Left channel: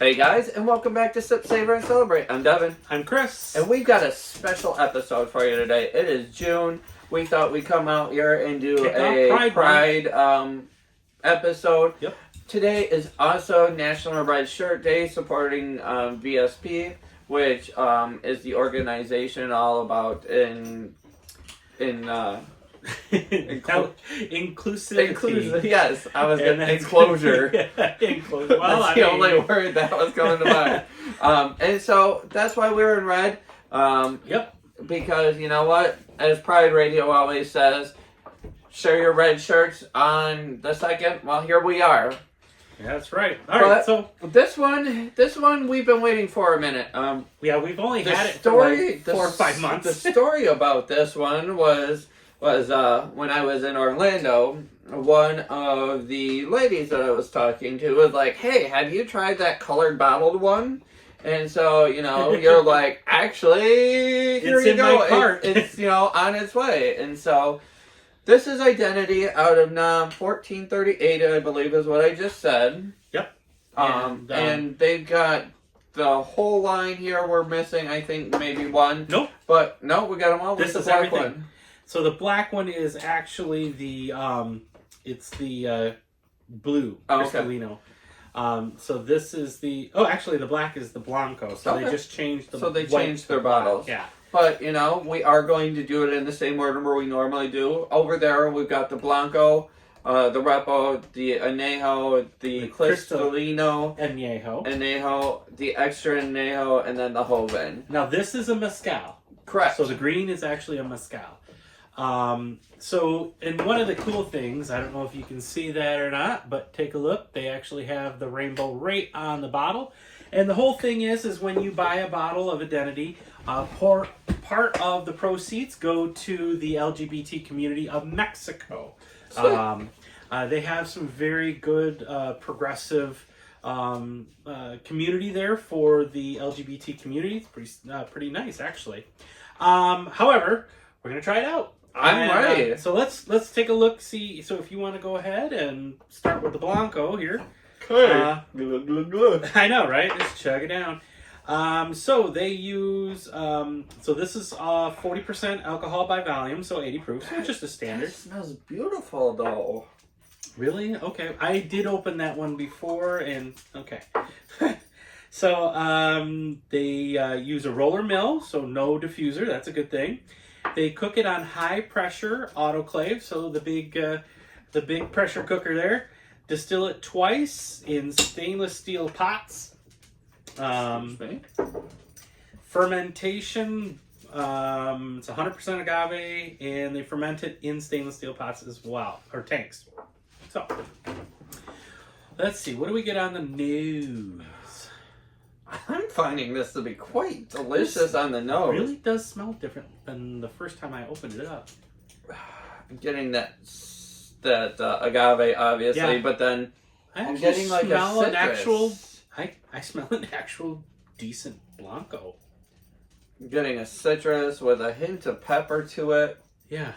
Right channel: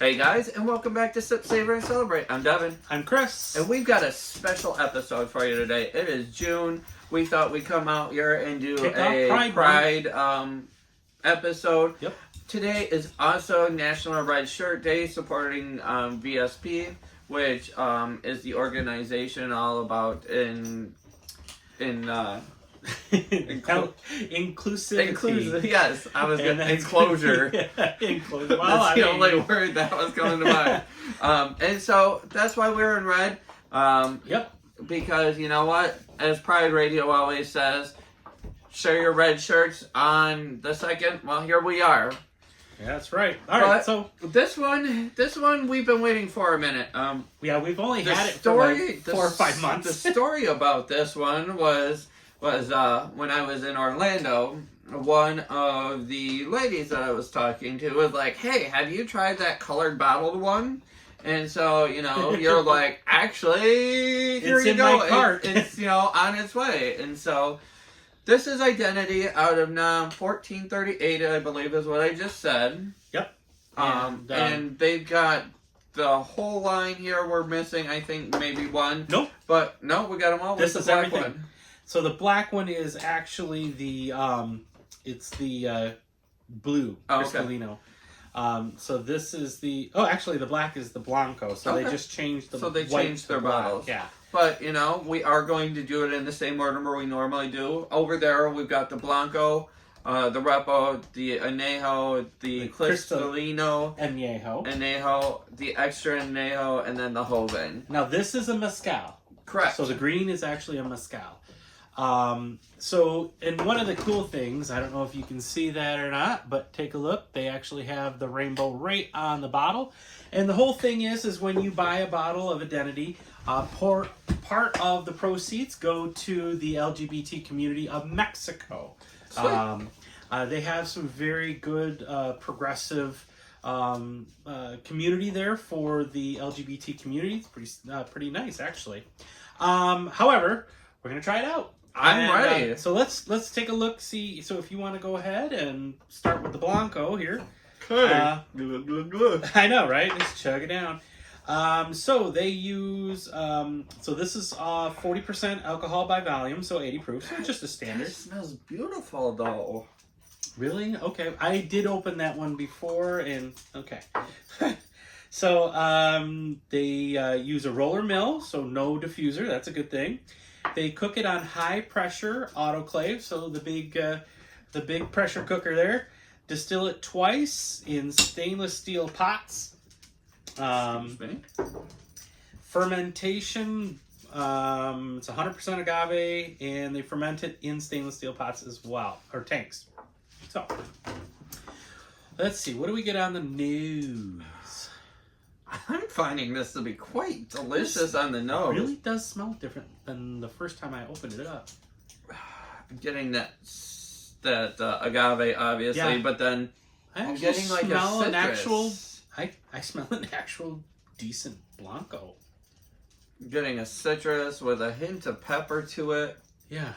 Hey guys, and welcome back to Sip, Savor, and Celebrate. I'm Devin. I'm Chris. And we've got a special episode for you today. It is June. We thought we'd come out here and do a Pride episode. Yep. Today is also National Red Shirt Day, supporting VSP, which is the organization all about inclusivity. Yes, I was enclosure. Yeah, enclosure. Well, That's the only word that was coming to mind. And so that's why we're in red. Yep. Because you know what? As Pride Radio always says, share your red shirts on the 2nd. Well, here we are. Yeah, that's right. All right. So this one we've been waiting for a minute. we've only had it for like 4 or 5 months. The story about this one was when I was in Orlando, one of the ladies that I was talking to was like, "Hey, have you tried that colored bottled one?" And so, you're like, "Actually, here It's you in go. my cart. It's on its way." And so, this is Identity out of 1438, I believe is what I just said. Yep. And they've got the whole line here. We're missing, I think, maybe one. Nope. But no, we got them all. This is the black everything. one. So the black one is actually the blue Cristalino. So this is actually the black is the Blanco. So they just changed the changed their bottles. Yeah. But we are going to do it in the same order where we normally do. Over there we've got the Blanco, the Repo, the Añejo, the Cristalino, Añejo, the Extra Añejo, and then the Joven. Now this is a mezcal. Correct. So the green is actually a mezcal. And one of the cool things, I don't know if you can see that or not, but take a look. They actually have the rainbow right on the bottle. And the whole thing is when you buy a bottle of Identity, part of the proceeds go to the LGBT community of Mexico. They have some very good progressive community there for the LGBT community. It's pretty nice, actually. However, we're gonna try it out. I'm ready. So let's take a look. See. So if you want to go ahead and start with the Blanco here. Okay. I know, right? Just chug it down. So they use. So this is 40% alcohol by volume, so 80 proof. So just a standard. It smells beautiful, though. Really? Okay. I did open that one before, and okay. So they use a roller mill, so no diffuser. That's a good thing. They cook it on high pressure autoclave, so the big pressure cooker there. Distill it twice in stainless steel pots. Fermentation. It's 100% agave, and they ferment it in stainless steel pots as well, or tanks. So let's see. What do we get on the nose? I'm finding this to be quite delicious on the nose. It really does smell different than the first time I opened it up. I'm getting that agave, obviously, but then I'm getting like smell a an actual. citrus. I smell an actual decent Blanco. I'm getting a citrus with a hint of pepper to it. Yeah,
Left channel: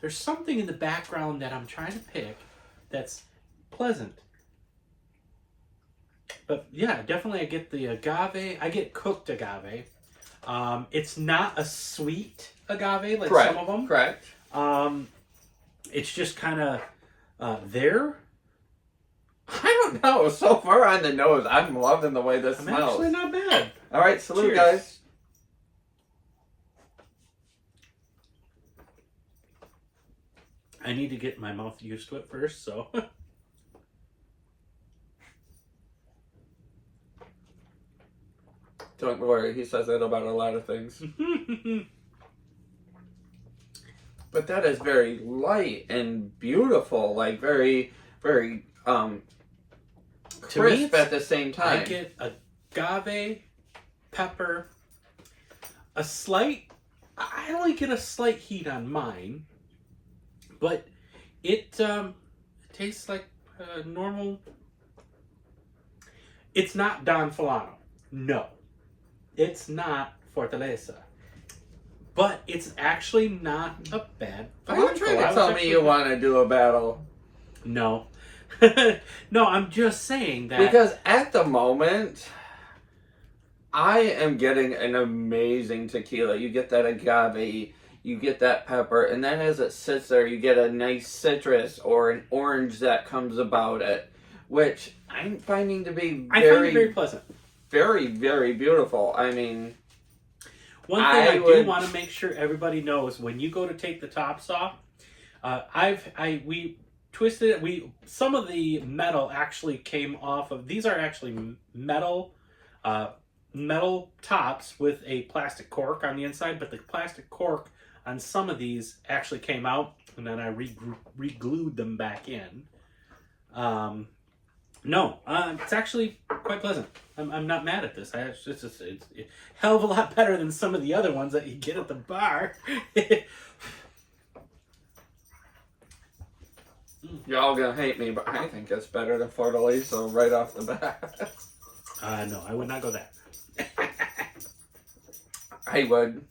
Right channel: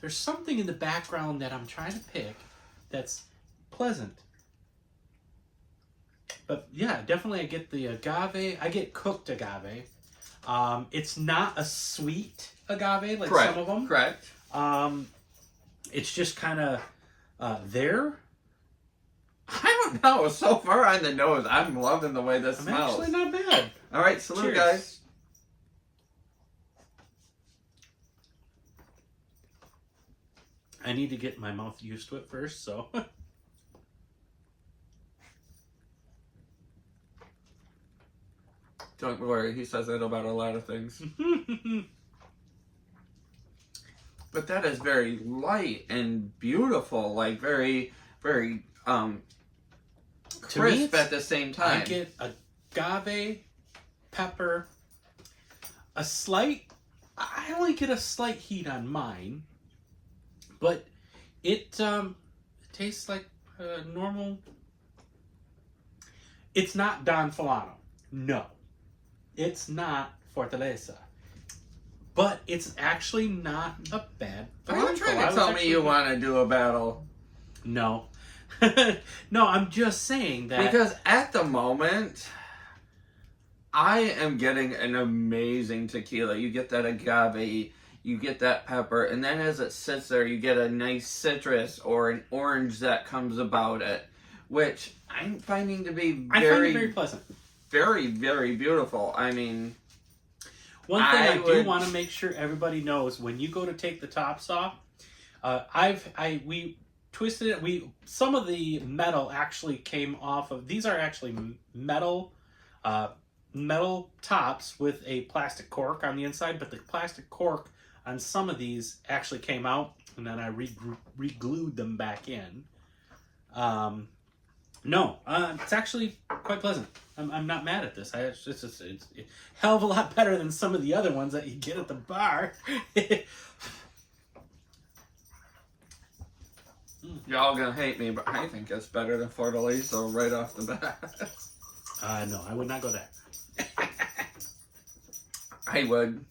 there's something in the background that I'm trying to pick that's pleasant. But yeah, definitely I get the agave. I get cooked agave. It's not a sweet agave like some of them. Correct. It's just kind of there. I don't know. So far on the nose, I'm loving the way this smells. Actually not bad. All right, salute, Cheers. guys. I need to get my mouth used to it first, so. Don't worry, he says that about a lot of things. But that is very light and beautiful, like very, very crisp at the same time. I get agave, pepper, a slight. I only get a slight heat on mine, but it tastes like normal. It's not Don Fulano. No. It's not Fortaleza. But it's actually not a bad Are you trying to tell me you want to do a battle? No. No, I'm just saying that. Because at the moment, I am getting an amazing tequila. You get that agave, you get that pepper, and then as it sits there, you get a nice citrus or an orange that comes about it, which I'm finding to be I find it very pleasant. very, very beautiful. I mean, one thing I do want to make sure everybody knows, when you go to take the tops off, we twisted it. Some of the metal actually came off of, these are actually metal tops with a plastic cork on the inside, but the plastic cork on some of these actually came out, and then I re-glued them back in. It's actually quite pleasant. I'm not mad at this. It's a hell of a lot better than some of the other ones that you get at the bar. Y'all gonna hate me, but I think it's better than Fortaleza right off the bat. No, I would not go that. I would.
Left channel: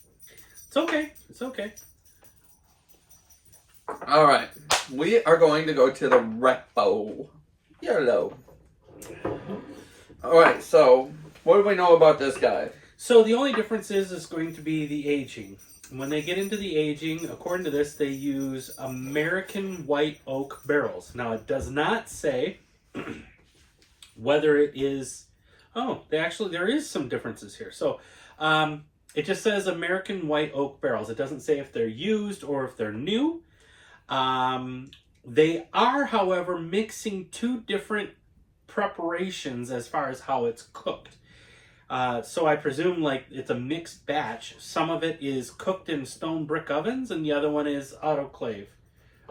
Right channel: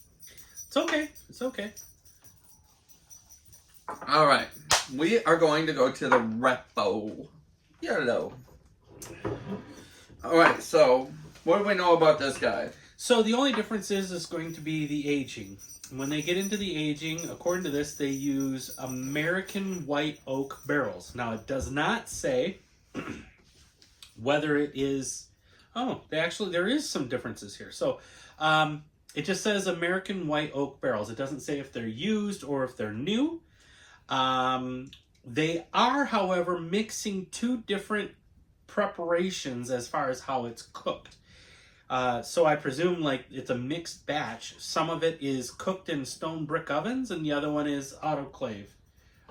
It's okay. It's okay. All right, we are going to go to the Repo Yellow. All right, so what do we know about this guy? So the only difference is going to be the aging. When they get into the aging, according to this, they use American white oak barrels. Now, it does not say whether it is... Oh, there is some differences here. So, it just says American white oak barrels. It doesn't say if they're used or if they're new. They are, however, mixing two different preparations as far as how it's cooked. So I presume like it's a mixed batch. Some of it is cooked in stone brick ovens and the other one is autoclave,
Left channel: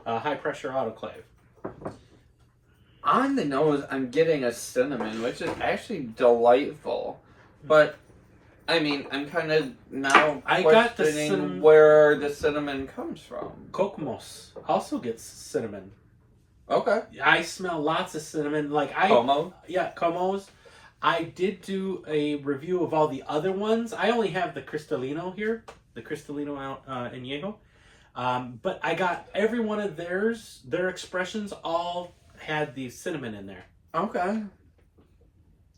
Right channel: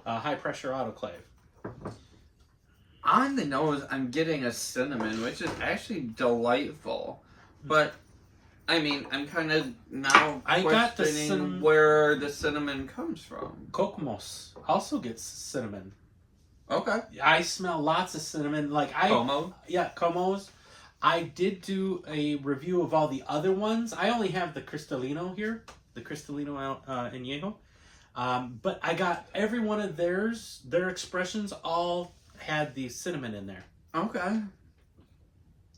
high pressure autoclave. On the nose, I'm getting a cinnamon, which is actually delightful. But, I mean, I'm kind of now questioning where the cinnamon comes from. Kokomos also gets cinnamon. Okay. I smell lots of cinnamon. Como? Yeah, Comos. I did do a review of all the other ones. I only have the Cristalino here, the Cristalino Añejo. But I got every one of their expressions all had the cinnamon in there. Okay.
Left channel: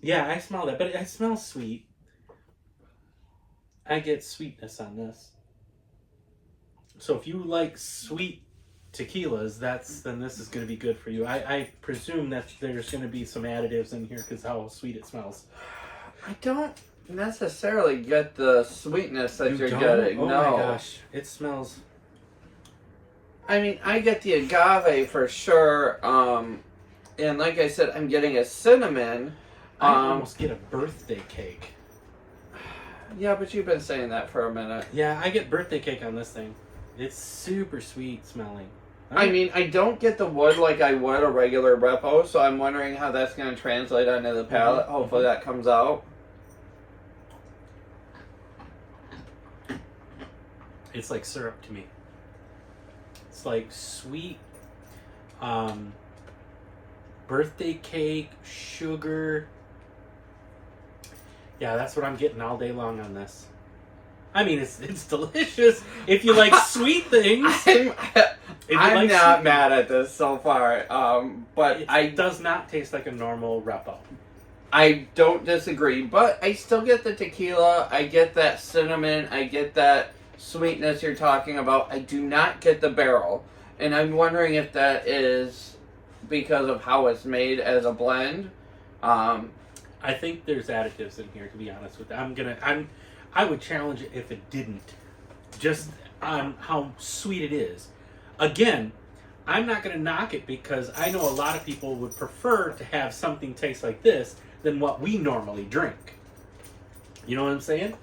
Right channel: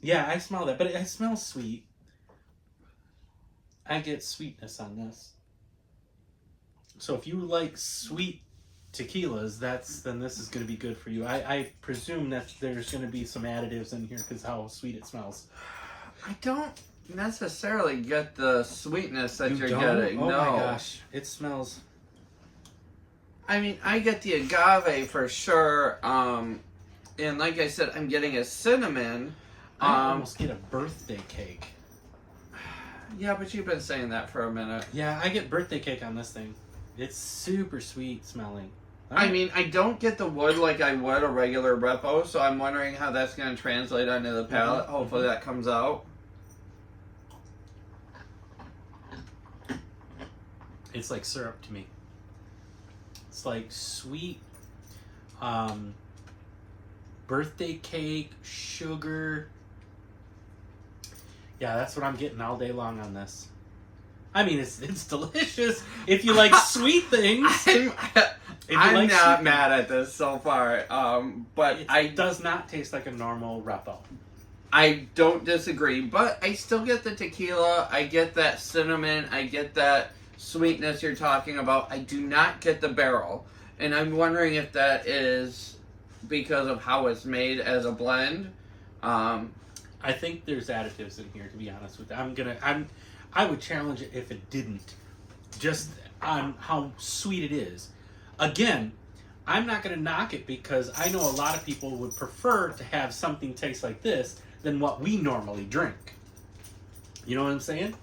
Yeah, I smell that, but it smells sweet. I get sweetness on this. So if you like sweet tequilas, then this is going to be good for you. I presume that there's going to be some additives in here because how sweet it smells. I don't necessarily get the sweetness that you're getting. Oh no. My gosh, it smells. I mean, I get the agave for sure, and like I said, I'm getting a cinnamon. I almost get a birthday cake. Yeah, but you've been saying that for a minute. Yeah, I get birthday cake on this thing. It's super sweet smelling. I mean, I don't get the wood like I would a regular Repo, so I'm wondering how that's going to translate onto the palate. Mm-hmm. Hopefully that comes out. It's like syrup to me. It's like sweet birthday cake, sugar. Yeah, that's what I'm getting all day long on this. I mean, it's delicious if you like sweet things. I'm not mad at this so far, but it does not taste like a normal Repo. I don't disagree, but I still get the tequila. I get that cinnamon. I get that sweetness you're talking about. I do not get the barrel, and I'm wondering if that is because of how it's made as a blend. I think there's additives in here, to be honest with you. I would challenge it if it didn't, just on how sweet it is. Again, I'm not going to knock it because I know a lot of people would prefer to have something taste like this than what we normally drink. You know what I'm saying?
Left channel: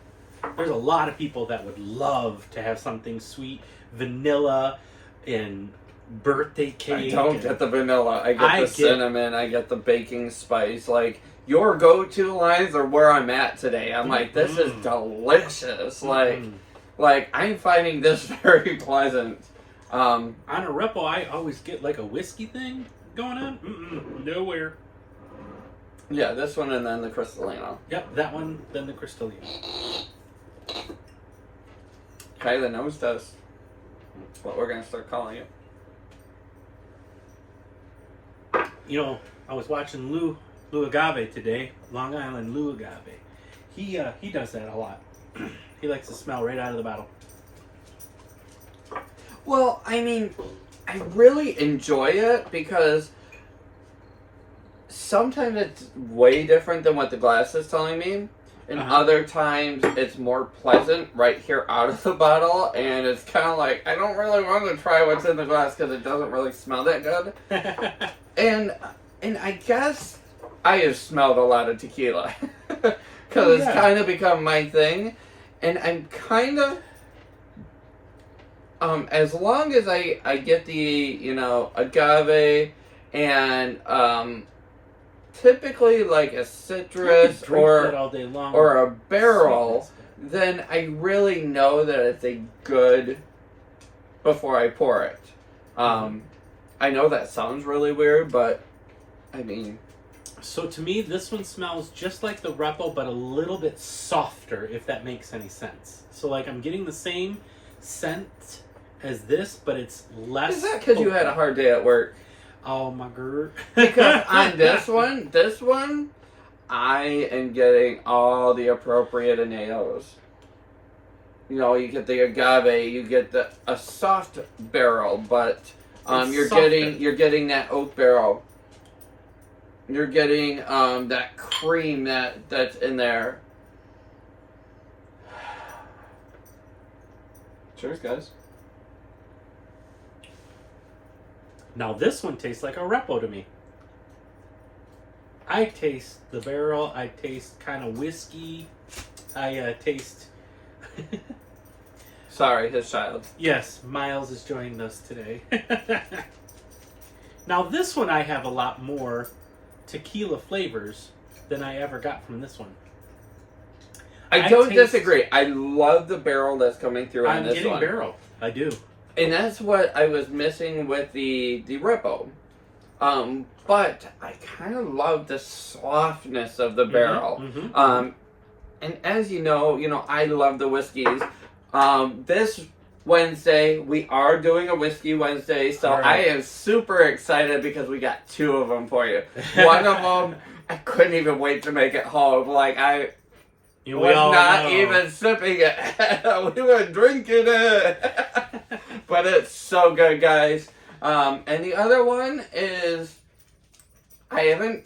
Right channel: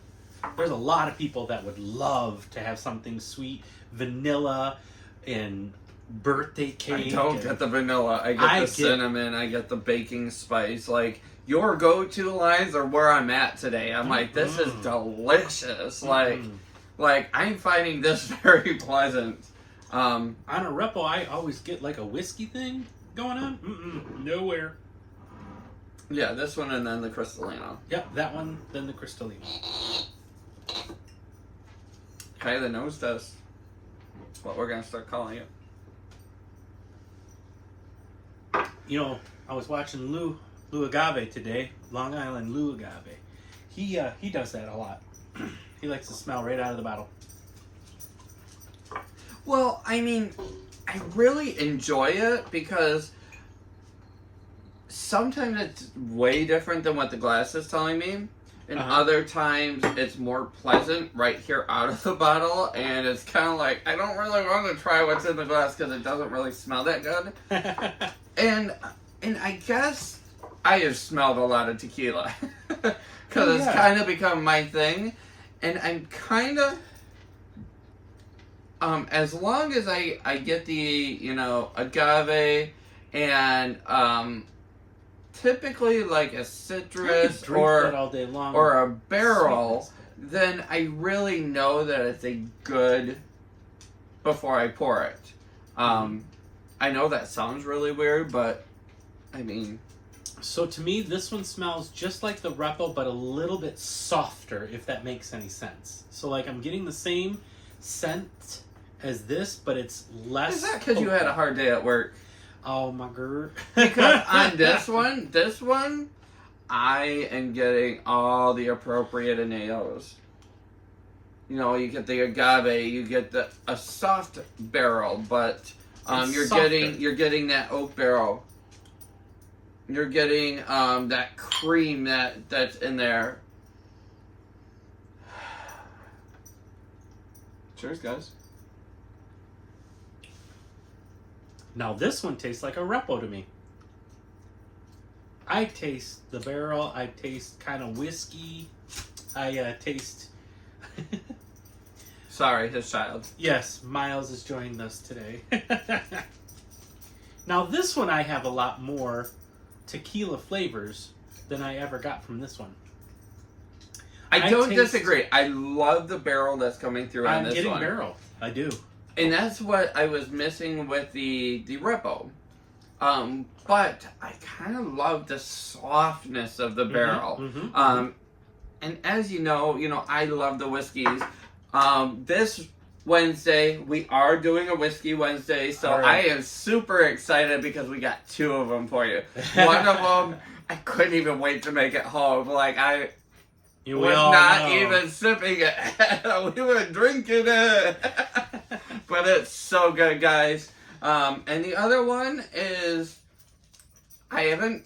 There's a lot of people that would love to have something sweet, vanilla, and birthday cake. I don't get the vanilla. I get the cinnamon. I get the baking spice. Like, your go-to lines are where I'm at today. I'm like, this is delicious. Like I'm finding this very pleasant. On a Repo, I always get like a whiskey thing going on. Nowhere. Yeah, this one and then the Cristalino. Yep, that one, then the Cristalino. Okay, the nose test. That's what we're going to start calling it. You know, I was watching Lou Agave today, Long Island Lou Agave. He does that a lot. He likes to smell right out of the bottle. Well, I mean, I really enjoy it because sometimes it's way different than what the glass is telling me. And other times it's more pleasant right here out of the bottle. And it's kind of like, I don't really want to try what's in the glass because it doesn't really smell that good. and I guess I have smelled a lot of tequila. Because it's kind of become my thing. And I'm kind of... as long as I get the, you know, agave and typically like a citrus or a barrel, then I really know that it's a good before I pour it. I know that sounds really weird, but I mean... So to me, this one smells just like the Repo, but a little bit softer, if that makes any sense. So like I'm getting the same scent as this, but it's less... Is that because you had a hard day at work? Oh my god. Because on this one, I am getting all the appropriate añejos. You know, you get the agave, you get a soft barrel, but you're getting that oak barrel. You're getting that cream that's in there. Cheers, guys. Now this one tastes like a Repo to me. I taste the barrel. I taste kind of whiskey. I taste... Sorry, his child. Yes, Miles has joined us today. Now this one I have a lot more tequila flavors than I ever got from this one. I don't disagree. I love the barrel that's coming through on this one. I'm getting barrel. I do. And that's what I was missing with the Repo. But I kind of love the softness of the barrel. And as you know, I love the whiskeys. This Wednesday, we are doing a Whiskey Wednesday, so I am super excited because we got 2 of them for you. One of them, I couldn't even wait to make it home. Like, I was not even sipping it. We were drinking it. But it's so good, guys. And the other one is, I haven't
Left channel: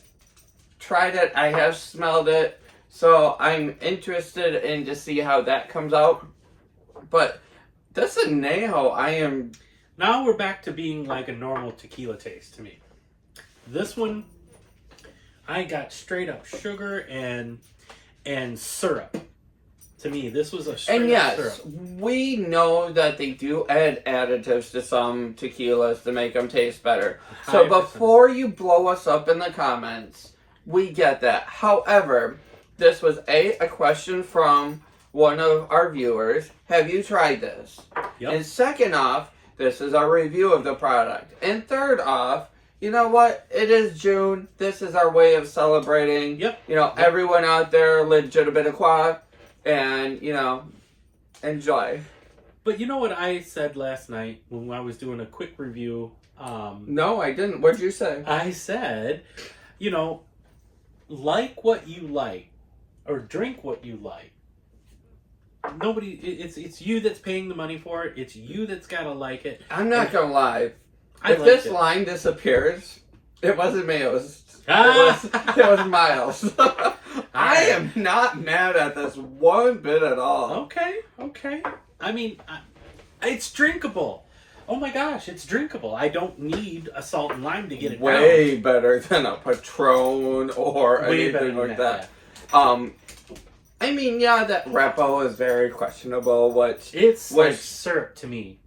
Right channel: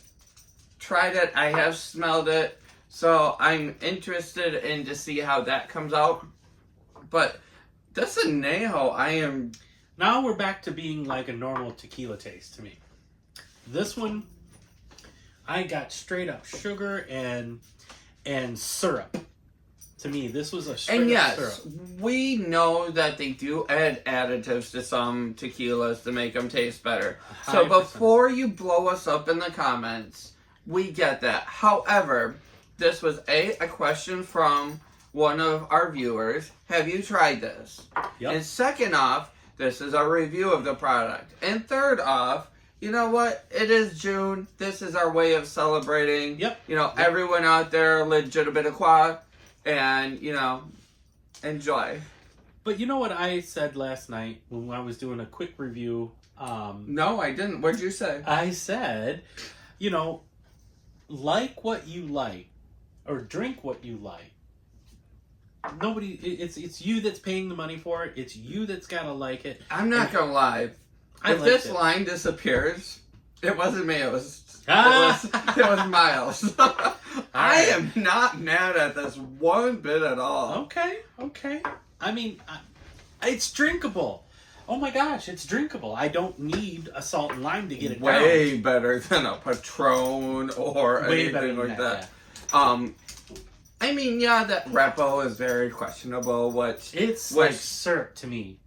tried it. I have smelled it. So I'm interested in to see how that comes out. But this añejo, I am... Now we're back to being like a normal tequila taste to me. This one, I got straight up sugar and syrup. To me, this was a straight up syrup. We know that they do add additives to some tequilas to make them taste better. 100%. So before you blow us up in the comments, we get that. However, this was a question from one of our viewers. Have you tried this? Yep. And second off, this is our review of the product. And third off, you know what? It is June. This is our way of celebrating. Yep. Everyone out there, legitimate quoi. And, enjoy. But you know what I said last night when I was doing a quick review? No, I didn't. What'd you say? I said, like what you like, or drink what you like. Nobody, it's you that's paying the money for it. It's you that's got to like it. I'm not going to lie. If this line disappears, it wasn't me. It was Miles. I am not mad at this one bit at all. Okay. I mean, it's drinkable. Oh my gosh, it's drinkable. I don't need a salt and lime to get it down. Way better than a Patron or anything like that. I mean, that Repo is very questionable. It's like syrup to me.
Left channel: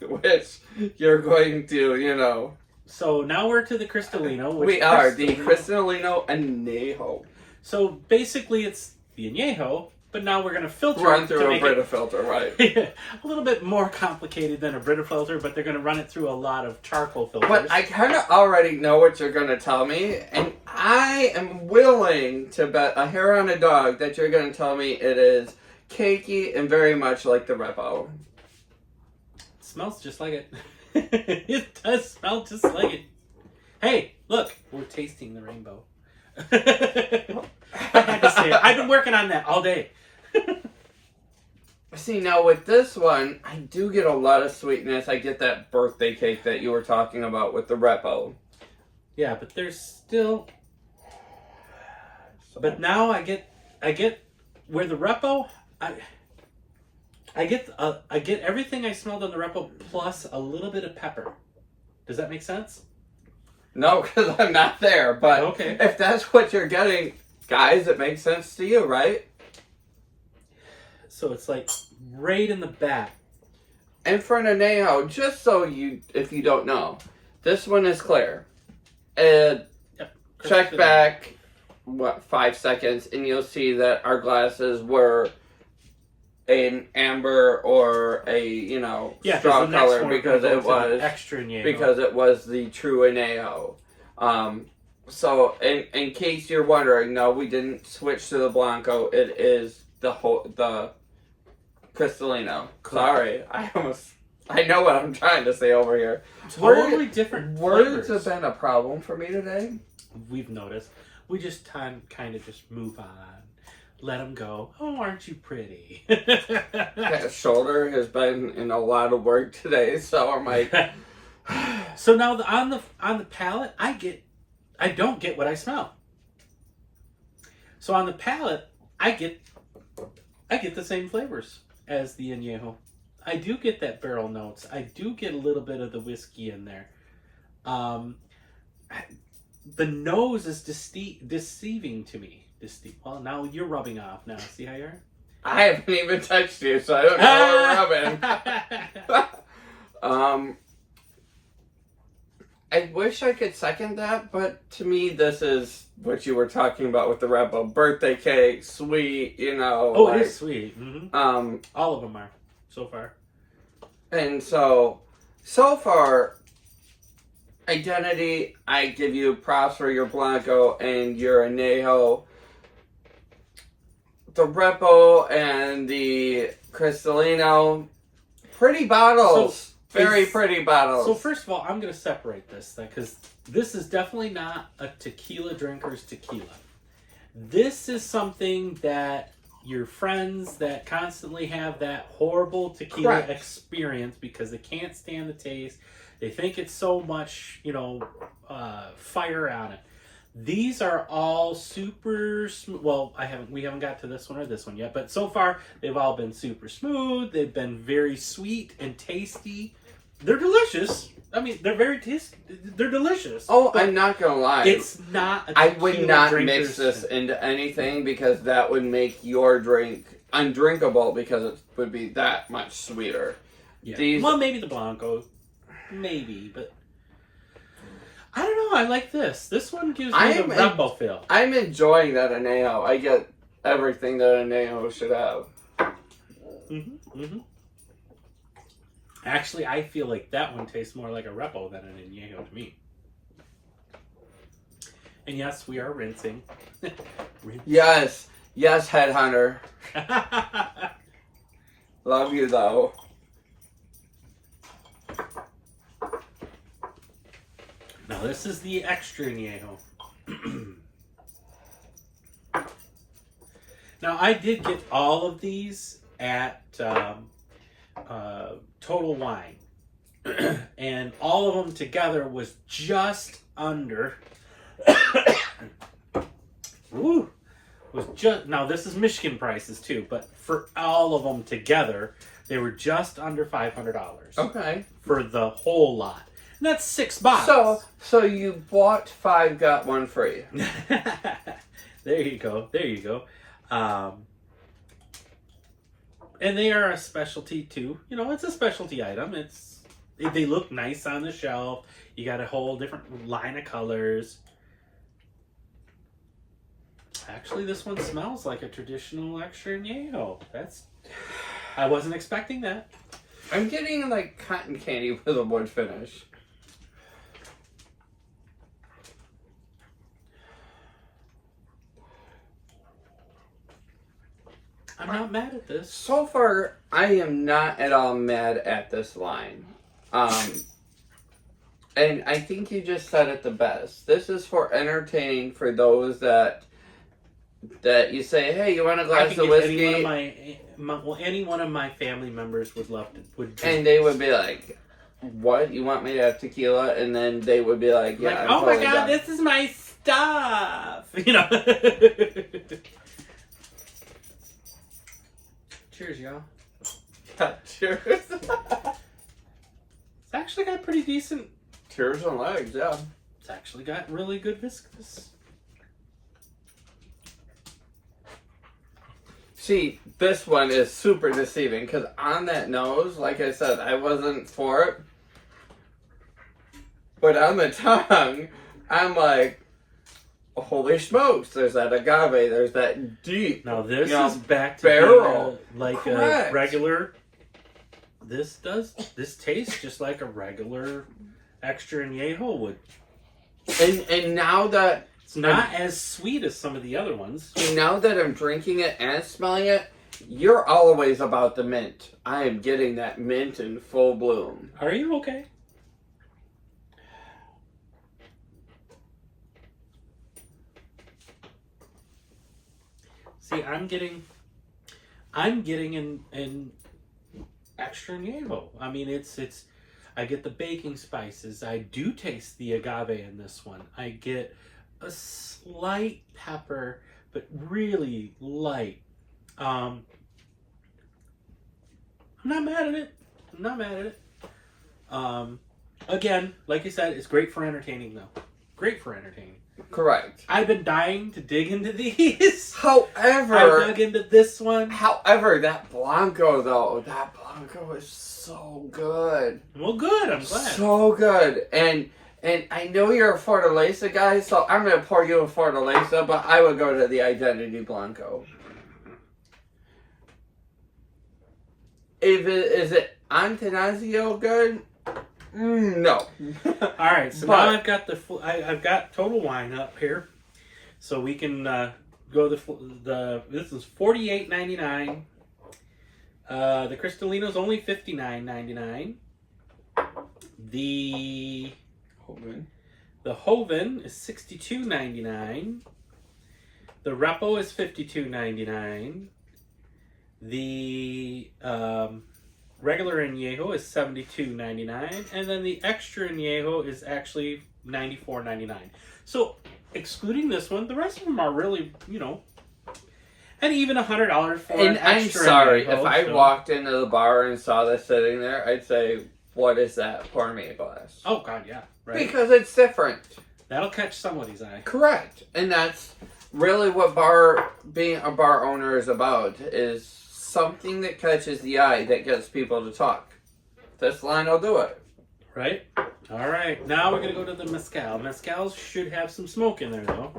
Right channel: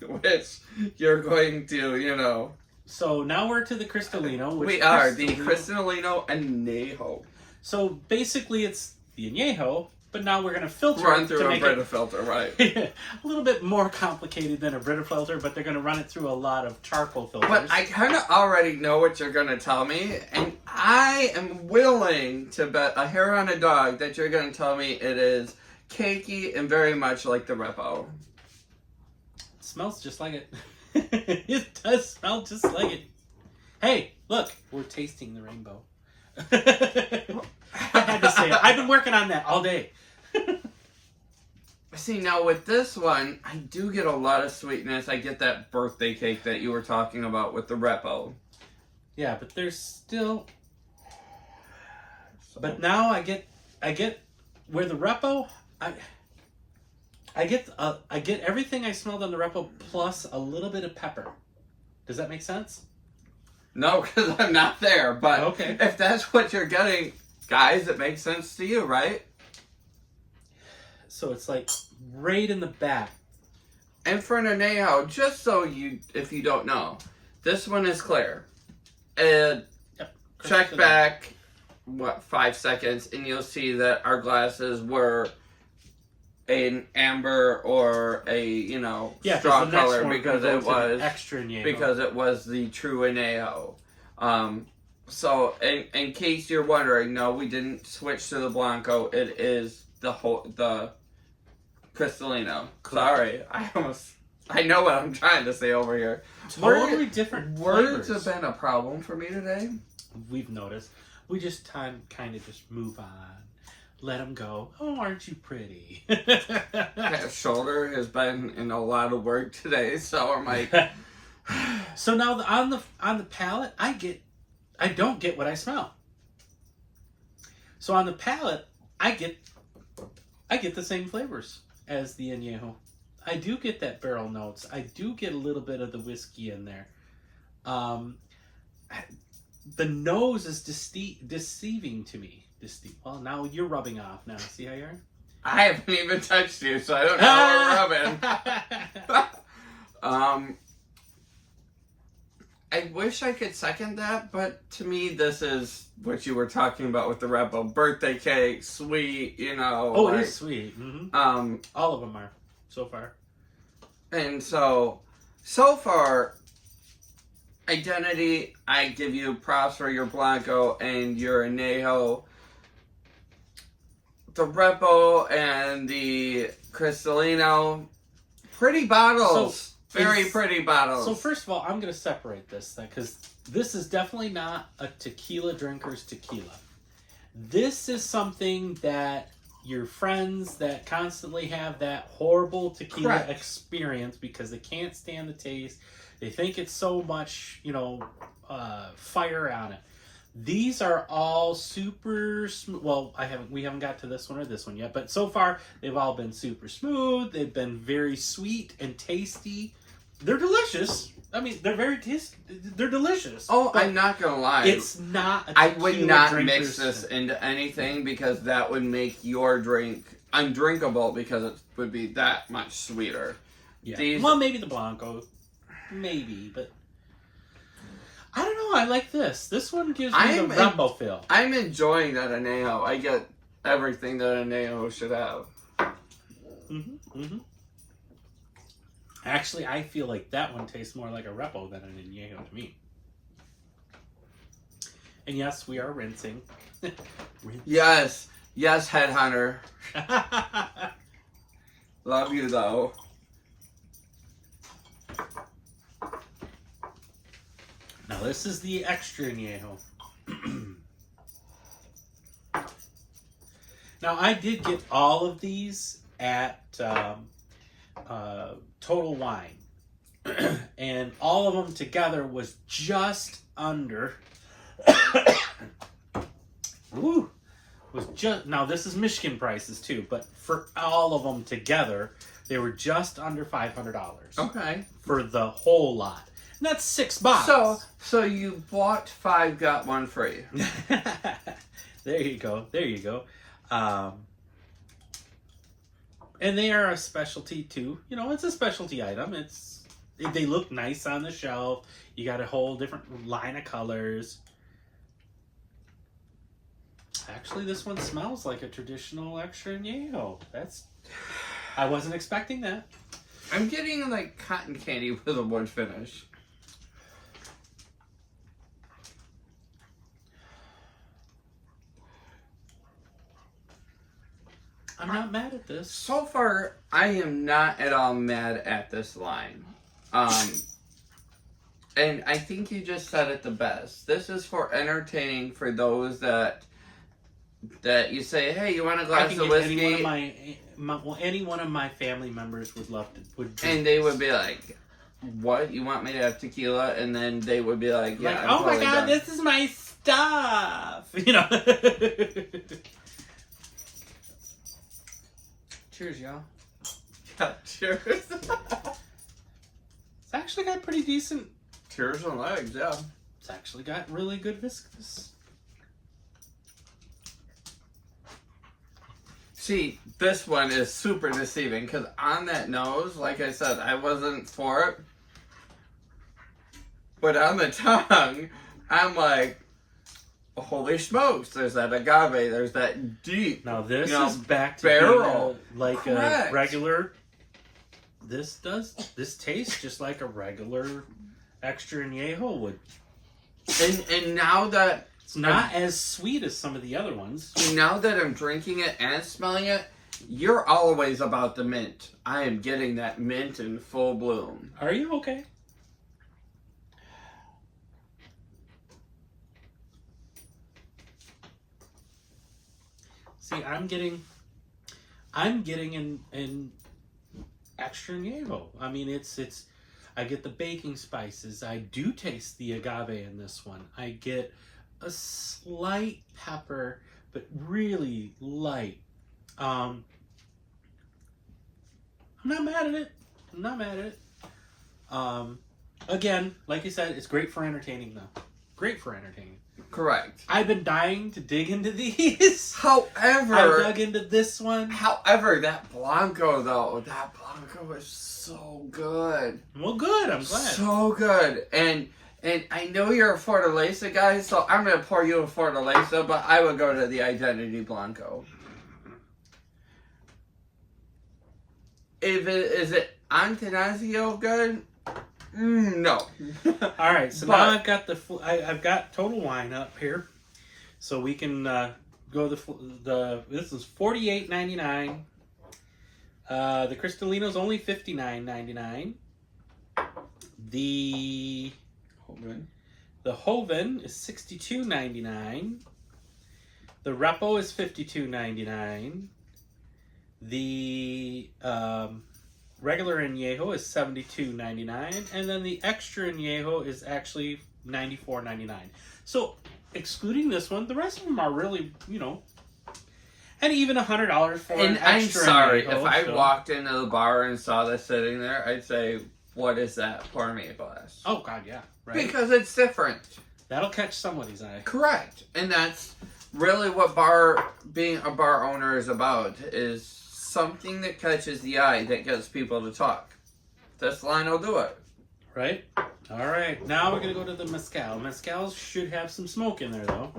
Which you're going to, So now we're to the Cristalino. We are the Cristalino Añejo. So basically, it's the Añejo, but now we're going to filter run through a Brita filter, right? A little bit more complicated than a Brita filter, but they're going to run it through a lot of charcoal filters. But I kind of already know what you're going to tell me, and I am willing to bet a hair on a dog that you're going to tell me it is cakey and very much like the Repo. Smells just like it. It does smell just like it. Hey, look, we're tasting the rainbow. I had to say it. I've been working on that all day. See, now with this one, I do get a lot of sweetness. I get that birthday cake that you were talking about with the Repo. Yeah, but there's still. But now I get where the Repo, I get everything I smelled on the Repo plus a little bit of pepper. Does that make sense? No, because I'm not there. But Okay. if that's what you're getting, guys, it makes sense to you, right? So it's like right in the back. And for an añejo, just so if you don't know, this one is clear. And Yep. check back, 5 seconds, and you'll see that our glasses were an amber or a straw color because it was extra añejo. because it was the true añejo. So in case you're wondering, no, we didn't switch to the blanco. It is the Cristalino. Sorry, I know what I'm trying to say over here. Totally different Words flavors. have been a problem for me today. We've noticed. We just kind of just move on. Let them go. Oh, aren't you pretty? That shoulder has been in a lot of work today, so I'm like. So now on the palate, I don't get what I smell. So on the palate, I get the same flavors as the añejo. I do get that barrel notes. I do get a little bit of the whiskey in there. The nose is deceiving to me. Well, now you're rubbing off now. See how you are? I haven't even touched you, so I don't know what we're rubbing. I wish I could second that, but to me, this is what you were talking about with the Rebel birthday cake, sweet, Oh, it is sweet. Mm-hmm. All of them are so far. And so far, identity. I give you props for your Blanco and your Añejo. The Repo and the Cristalino, pretty bottles. Very pretty bottles. So first of all, I'm going to separate this because this is definitely not a tequila drinker's tequila. This is something that your friends that constantly have that horrible tequila experience because they can't stand the taste. They think it's so much, fire on it. These are all super smooth. Well, we haven't got to this one or this one yet, but so far they've all been super smooth. They've been very sweet and tasty. They're delicious. I mean, they're very tasty. They're delicious. Oh, I'm not gonna lie. It's not a tequila I would not drinker's mix this into anything because that would make your drink undrinkable because it would be that much sweeter. Yeah. Well, maybe the Blanco. Maybe, but I don't know. I like this. This one gives me the Repo feel. I'm enjoying that Añejo. I get everything that Añejo should have. Mm-hmm. Mm-hmm. Actually, I feel like that one tastes more like a Repo than an Añejo to me. And yes, we are rinsing. Yes, Headhunter. Love you though. Now this is the extra Añejo. Now I did get all of these at Total Wine, and all of them together was just under. Now this is Michigan prices too, but for all of them together, they were just under $500. Okay. For the whole lot. And that's 6 bottles. So you bought 5, got 1 free. There you go. And they are a specialty too. It's a specialty item. They look nice on the shelf. You got a whole different line of colors. Actually, this one smells like a traditional extra añejo. I wasn't expecting that. I'm getting like cotton candy with a wood finish. I'm not mad at this. So far, I am not at all mad at this line. And I think you just said it the best. This is for entertaining for those that you say, hey, you want a glass of whiskey? Any one of my family members would love to. And they would be like, what? You want me to have tequila? And then they would be like, yeah, like, I'm oh totally my god, down. this is my stuff. You know. Cheers, y'all. Yeah, cheers. It's actually got pretty decent. Cheers on legs, yeah. It's actually got really good viscous. See, this one is super deceiving because on that nose, like I said, I wasn't for it. But on the tongue, I'm like, holy smokes, there's that agave, there's that deep. Now this you know, is back to barrel. being like Correct. a regular. This tastes just like a regular extra añejo would. And now that It's not as sweet as some of the other ones. now that I'm drinking it and smelling it, you're always about the mint. I am getting that mint in full bloom. Are you okay? See, I'm getting an extra añejo. I mean, it's. I get the baking spices. I do taste the agave in this one. I get a slight pepper, but really light. I'm not mad at it. I'm not mad at it. Again, like you said, it's great for entertaining, though. Great for entertaining. Correct. I've been dying to dig into these. However, I dug into this one. However, that Blanco though, that Blanco is so good. Well, good. I'm glad. So good. And I know you're a Fortaleza guy, so I'm gonna pour you a Fortaleza, but I would go to the Identity Blanco. Is it Antanasio good? No. All right, so now I've got I've got Total Wine up here, so we can go this is $48.99. The Cristalino's only $59.99. The Joven is $62.99. The Repo is $52.99. The regular añejo is $72.99, and then the extra añejo is actually $94.99. So, excluding this one, the rest of them are really, and even $100 for an extra. I'm sorry, añejo, if I walked into the bar and saw this sitting there, I'd say, "What is that? Pour me a glass." Oh God, yeah, right. Because it's different. That'll catch somebody's eye. Correct, and that's really what being a bar owner is about. Is something that catches the eye that gets people to talk. This line will do it. Right? All right. Now we're going to go to the mezcal. Mezcal should have some smoke in there, though.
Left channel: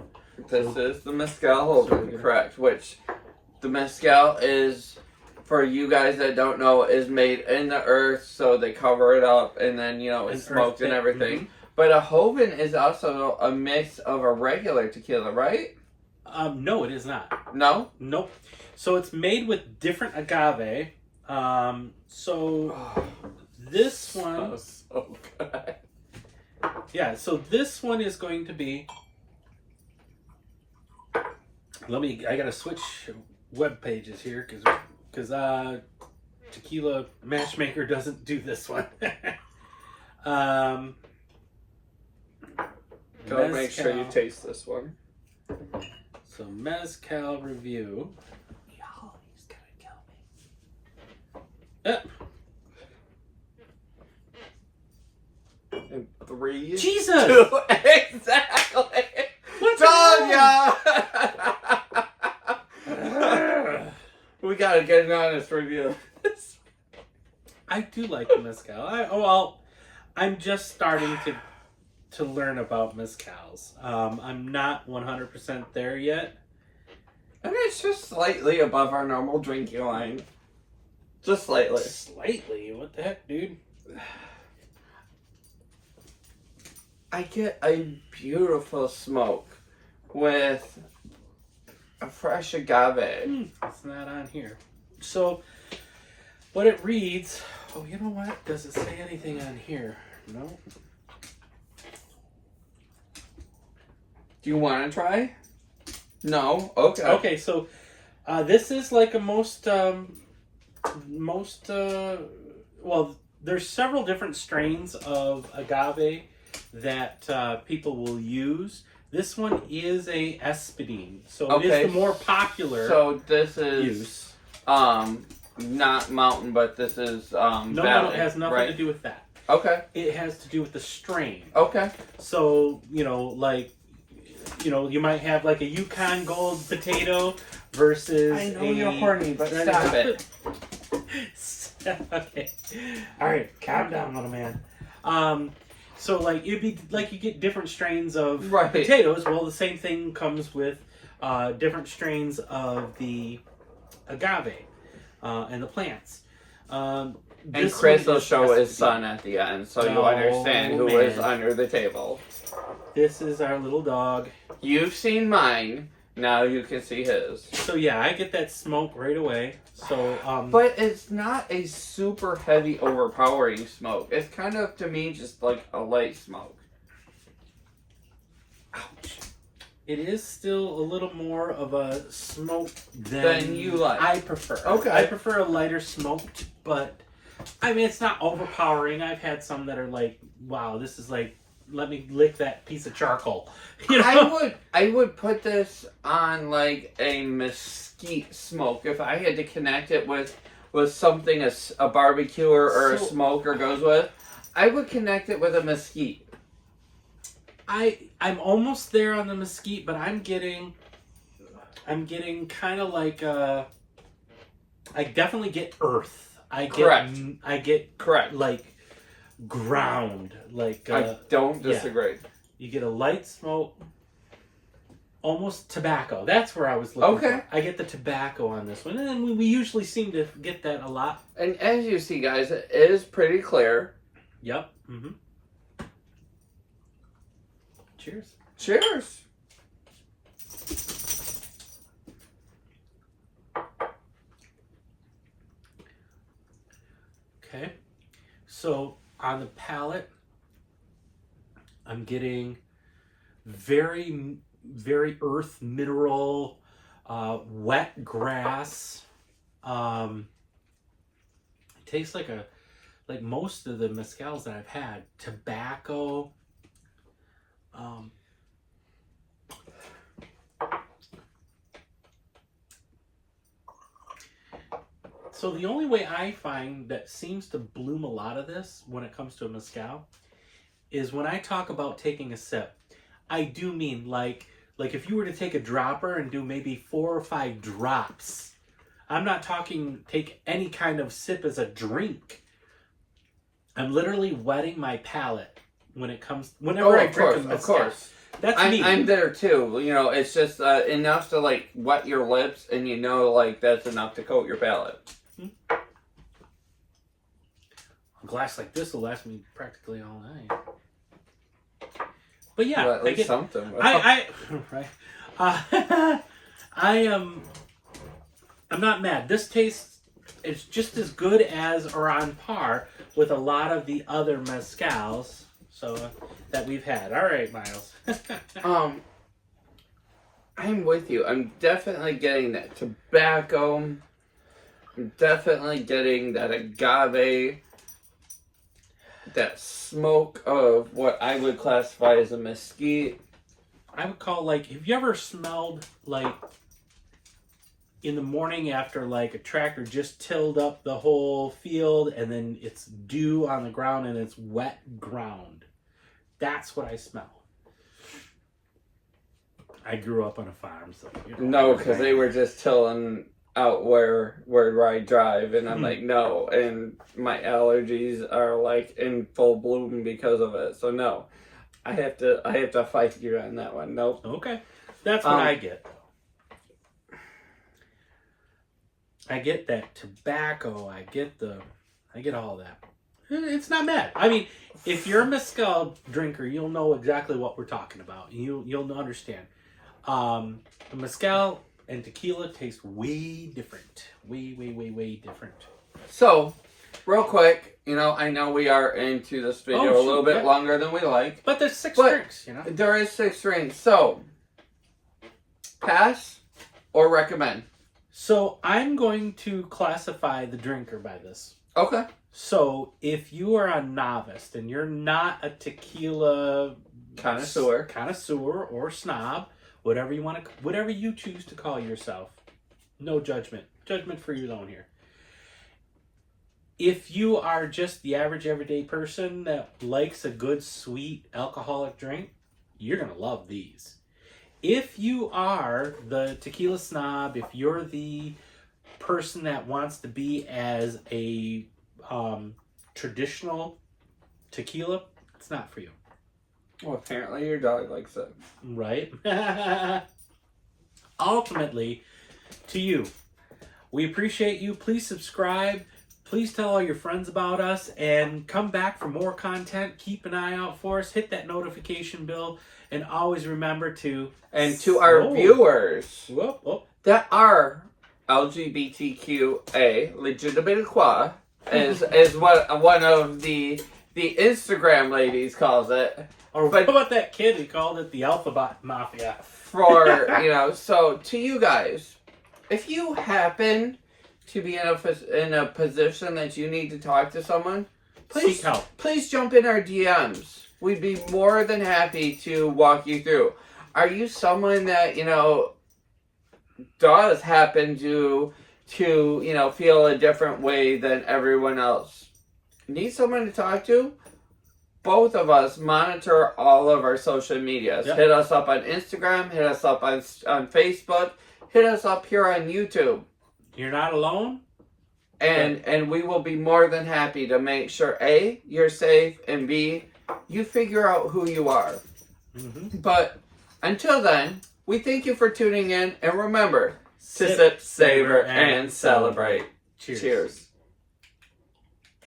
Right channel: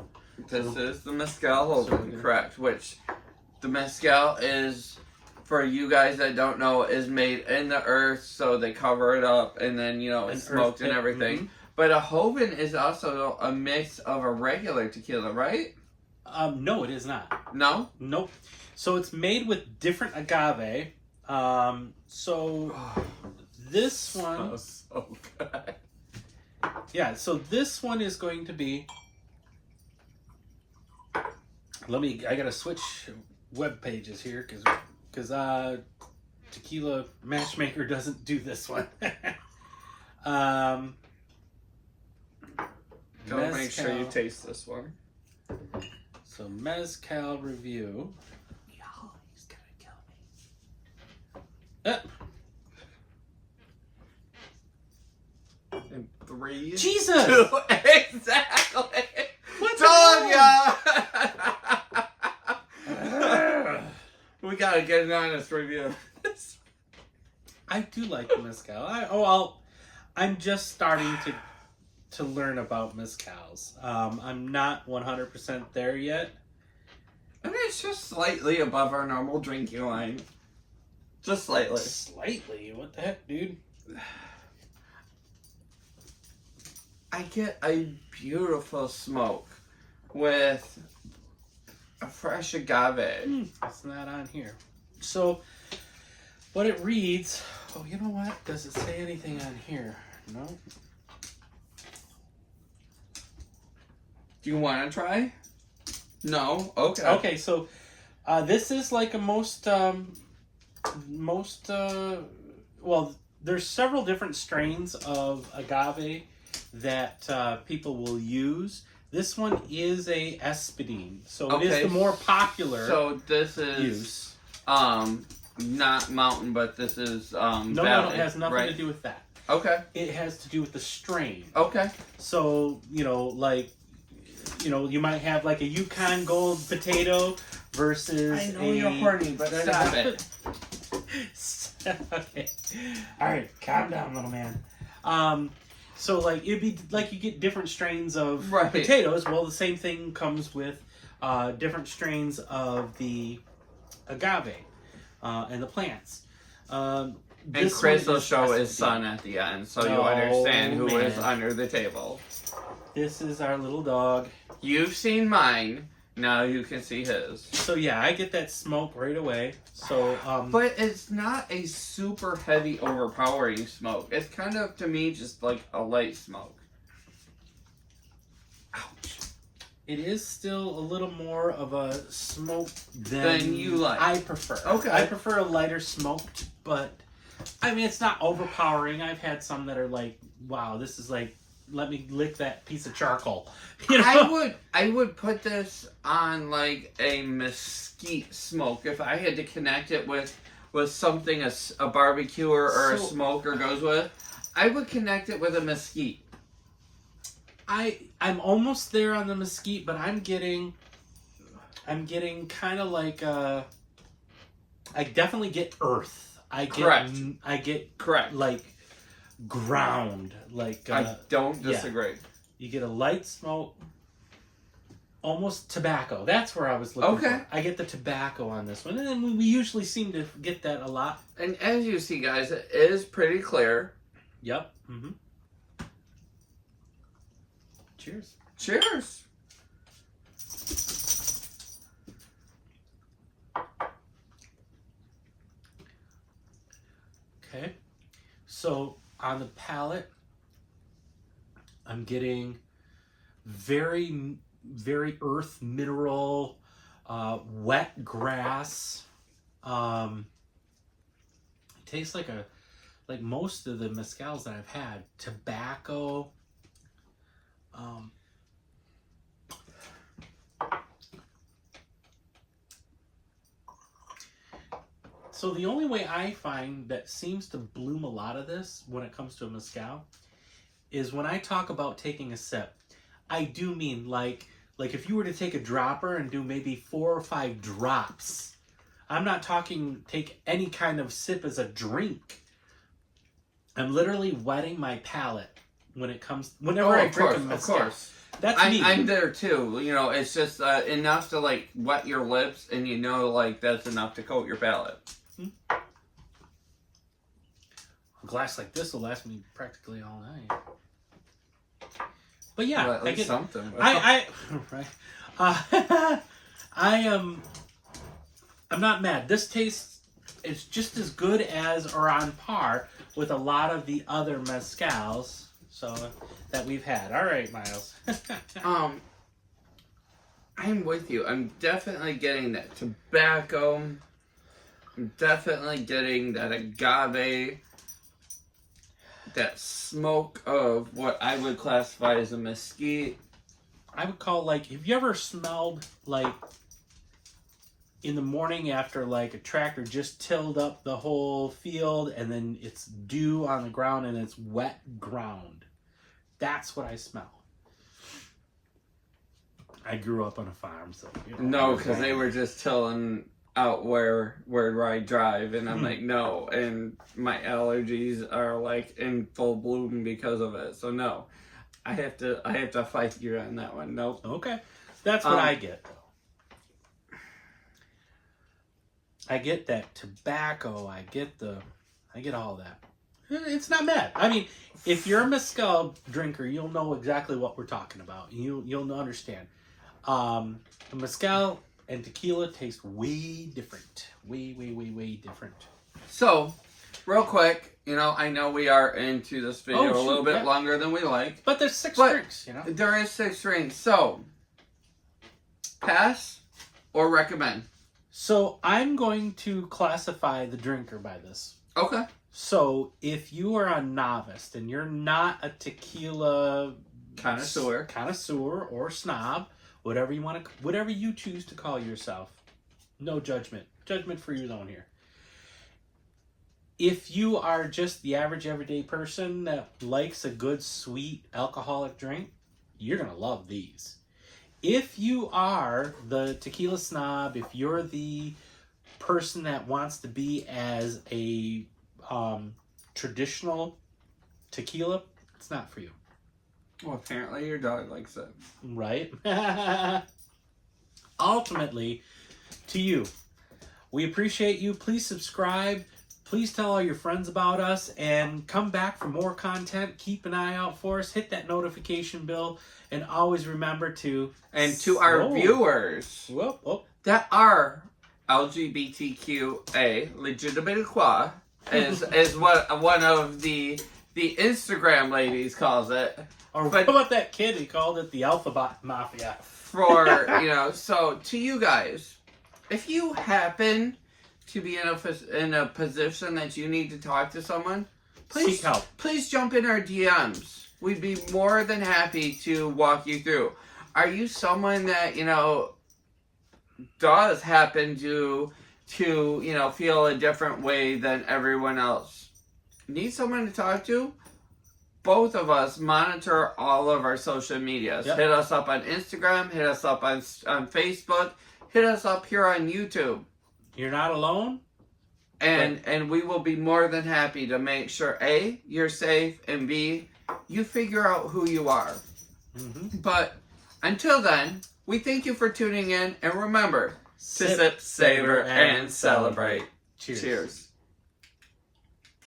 This is the mezcal Joven, correct. Which the mezcal is, for you guys that don't know, is made in the earth, so they cover it up, and then, it's smoked and everything. Mm-hmm. But a Joven is also a mix of a regular tequila, right? No, it is not. No? Nope. So it's made with different agave. This one... so good. Yeah, so this one is going to be... I gotta switch web pages here, because Tequila Matchmaker doesn't do this one. Don't make sure you taste this one. So mezcal review. He's gonna kill me. And 3, Jesus! 2, exactly. What Told ya! We gotta get an honest review. I do like the mezcal. I'm just starting to learn about mezcals. I'm not 100% there yet. I mean, it's just slightly above our normal drinking line. Just slightly. Slightly? What the heck, dude? I get a beautiful smoke with a fresh agave. It's not on here. So, what it reads... Oh, you know what? Does it say anything on here? No. Do you want to try? No? Okay. Okay, so this is like a well, there's several different strains of agave that people will use. This one is a espadine, so it is the more popular. So this is use. Not mountain, but this is No, valley, it has nothing right? to do with that. Okay. It has to do with the strain. Okay. So, you might have like a Yukon Gold potato versus I know you're horny, but stop it. Okay. All right, calm down, little man. So like it'd be like you get different strains of potatoes. Well, the same thing comes with different strains of the agave and the plants. And Chris will show his son at the end, so you understand who is under the table. This is our little dog. You've seen mine. Now you can see his. So yeah, I get that smoke right away. So, but it's not a super heavy, overpowering smoke. It's kind of, to me, just like a light smoke. Ouch. It is still a little more of a smoke than you like. I prefer. Okay. I prefer a lighter smoke, but I mean, it's not overpowering. I've had some that are like, wow, this is like, let me lick that piece of charcoal. You know? I would put this on like a mesquite smoke if I had to connect it with something a barbecue or a smoker goes with. I would connect it with a mesquite. I'm almost there on the mesquite, but I'm getting kind of like I definitely get earth. I get correct like ground, like I don't disagree. Yeah. You get a light smoke, almost tobacco. That's where I was looking for. I get the tobacco on this one, and then we usually seem to get that a lot. And as you see, guys, it is pretty clear. Yep. Mm-hmm. Cheers. Cheers. Okay. So on the palate, I'm getting very, very earth mineral, wet grass. It tastes like most of the mezcals that I've had. Tobacco. So the only way I find that seems to bloom a lot of this when it comes to a mezcal is when I talk about taking a sip. I do mean like if you were to take a dropper and do maybe 4 or 5 drops. I'm not talking take any kind of sip as a drink. I'm literally wetting my palate whenever I drink a mezcal. Of course. That's me. I'm there too. You know, it's just enough to like wet your lips, and you know, like that's enough to coat your palate. A glass like this will last me practically all night. But yeah, well, I get something. Right. I'm not mad. This tastes, it's just as good as or on par with a lot of the other mezcals that we've had. All right, Miles. I'm with you. I'm definitely getting that tobacco. I'm definitely getting that agave. That smoke of what I would classify as a mesquite. I would call have you ever smelled in the morning after a tractor just tilled up the whole field and then it's dew on the ground and it's wet ground? That's what I smell. I grew up on a farm, so no, because they were just tilling out where I drive, and I'm like, no, and my allergies are in full bloom because of it. So no, I have to fight you on that one. Nope. Okay, that's what I get. I get that tobacco. I get all that. It's not bad. I mean, if you're a mezcal drinker, you'll know exactly what we're talking about. You'll understand. The mezcal and tequila taste way different. Way different. So, real quick, I know we are into this video a little bit longer than we like. But there's 6 drinks, There is 6 drinks. So, pass or recommend? So I'm going to classify the drinker by this. Okay. So if you are a novice and you're not a tequila connoisseur or snob, whatever you choose to call yourself, no judgment. Judgment for your own here. If you are just the average everyday person that likes a good sweet alcoholic drink, you're going to love these. If you are the tequila snob, if you're the person that wants to be as a traditional tequila, it's not for you. Well, apparently your dog likes it. Right? Ultimately, to you. We appreciate you. Please subscribe. Please tell all your friends about us and come back for more content. Keep an eye out for us. Hit that notification bell and always remember to... And to our viewers that are LGBTQA, legitimate is what one of the Instagram ladies calls it. Or what about that kid who called it the Alphabet Mafia? So to you guys, if you happen to be in a position that you need to talk to someone, please seek help. Please jump in our DMs. We'd be more than happy to walk you through. Are you someone that, does happen to feel a different way than everyone else? Need someone to talk to? Both of us monitor all of our social medias. Yep. Hit us up on Instagram, hit us up on Facebook, hit us up here on YouTube. You're not alone. And we will be more than happy to make sure, A, you're safe, and B, you figure out who you are. Mm-hmm. But until then, we thank you for tuning in, and remember to sip, savor, and celebrate. Cheers. Cheers.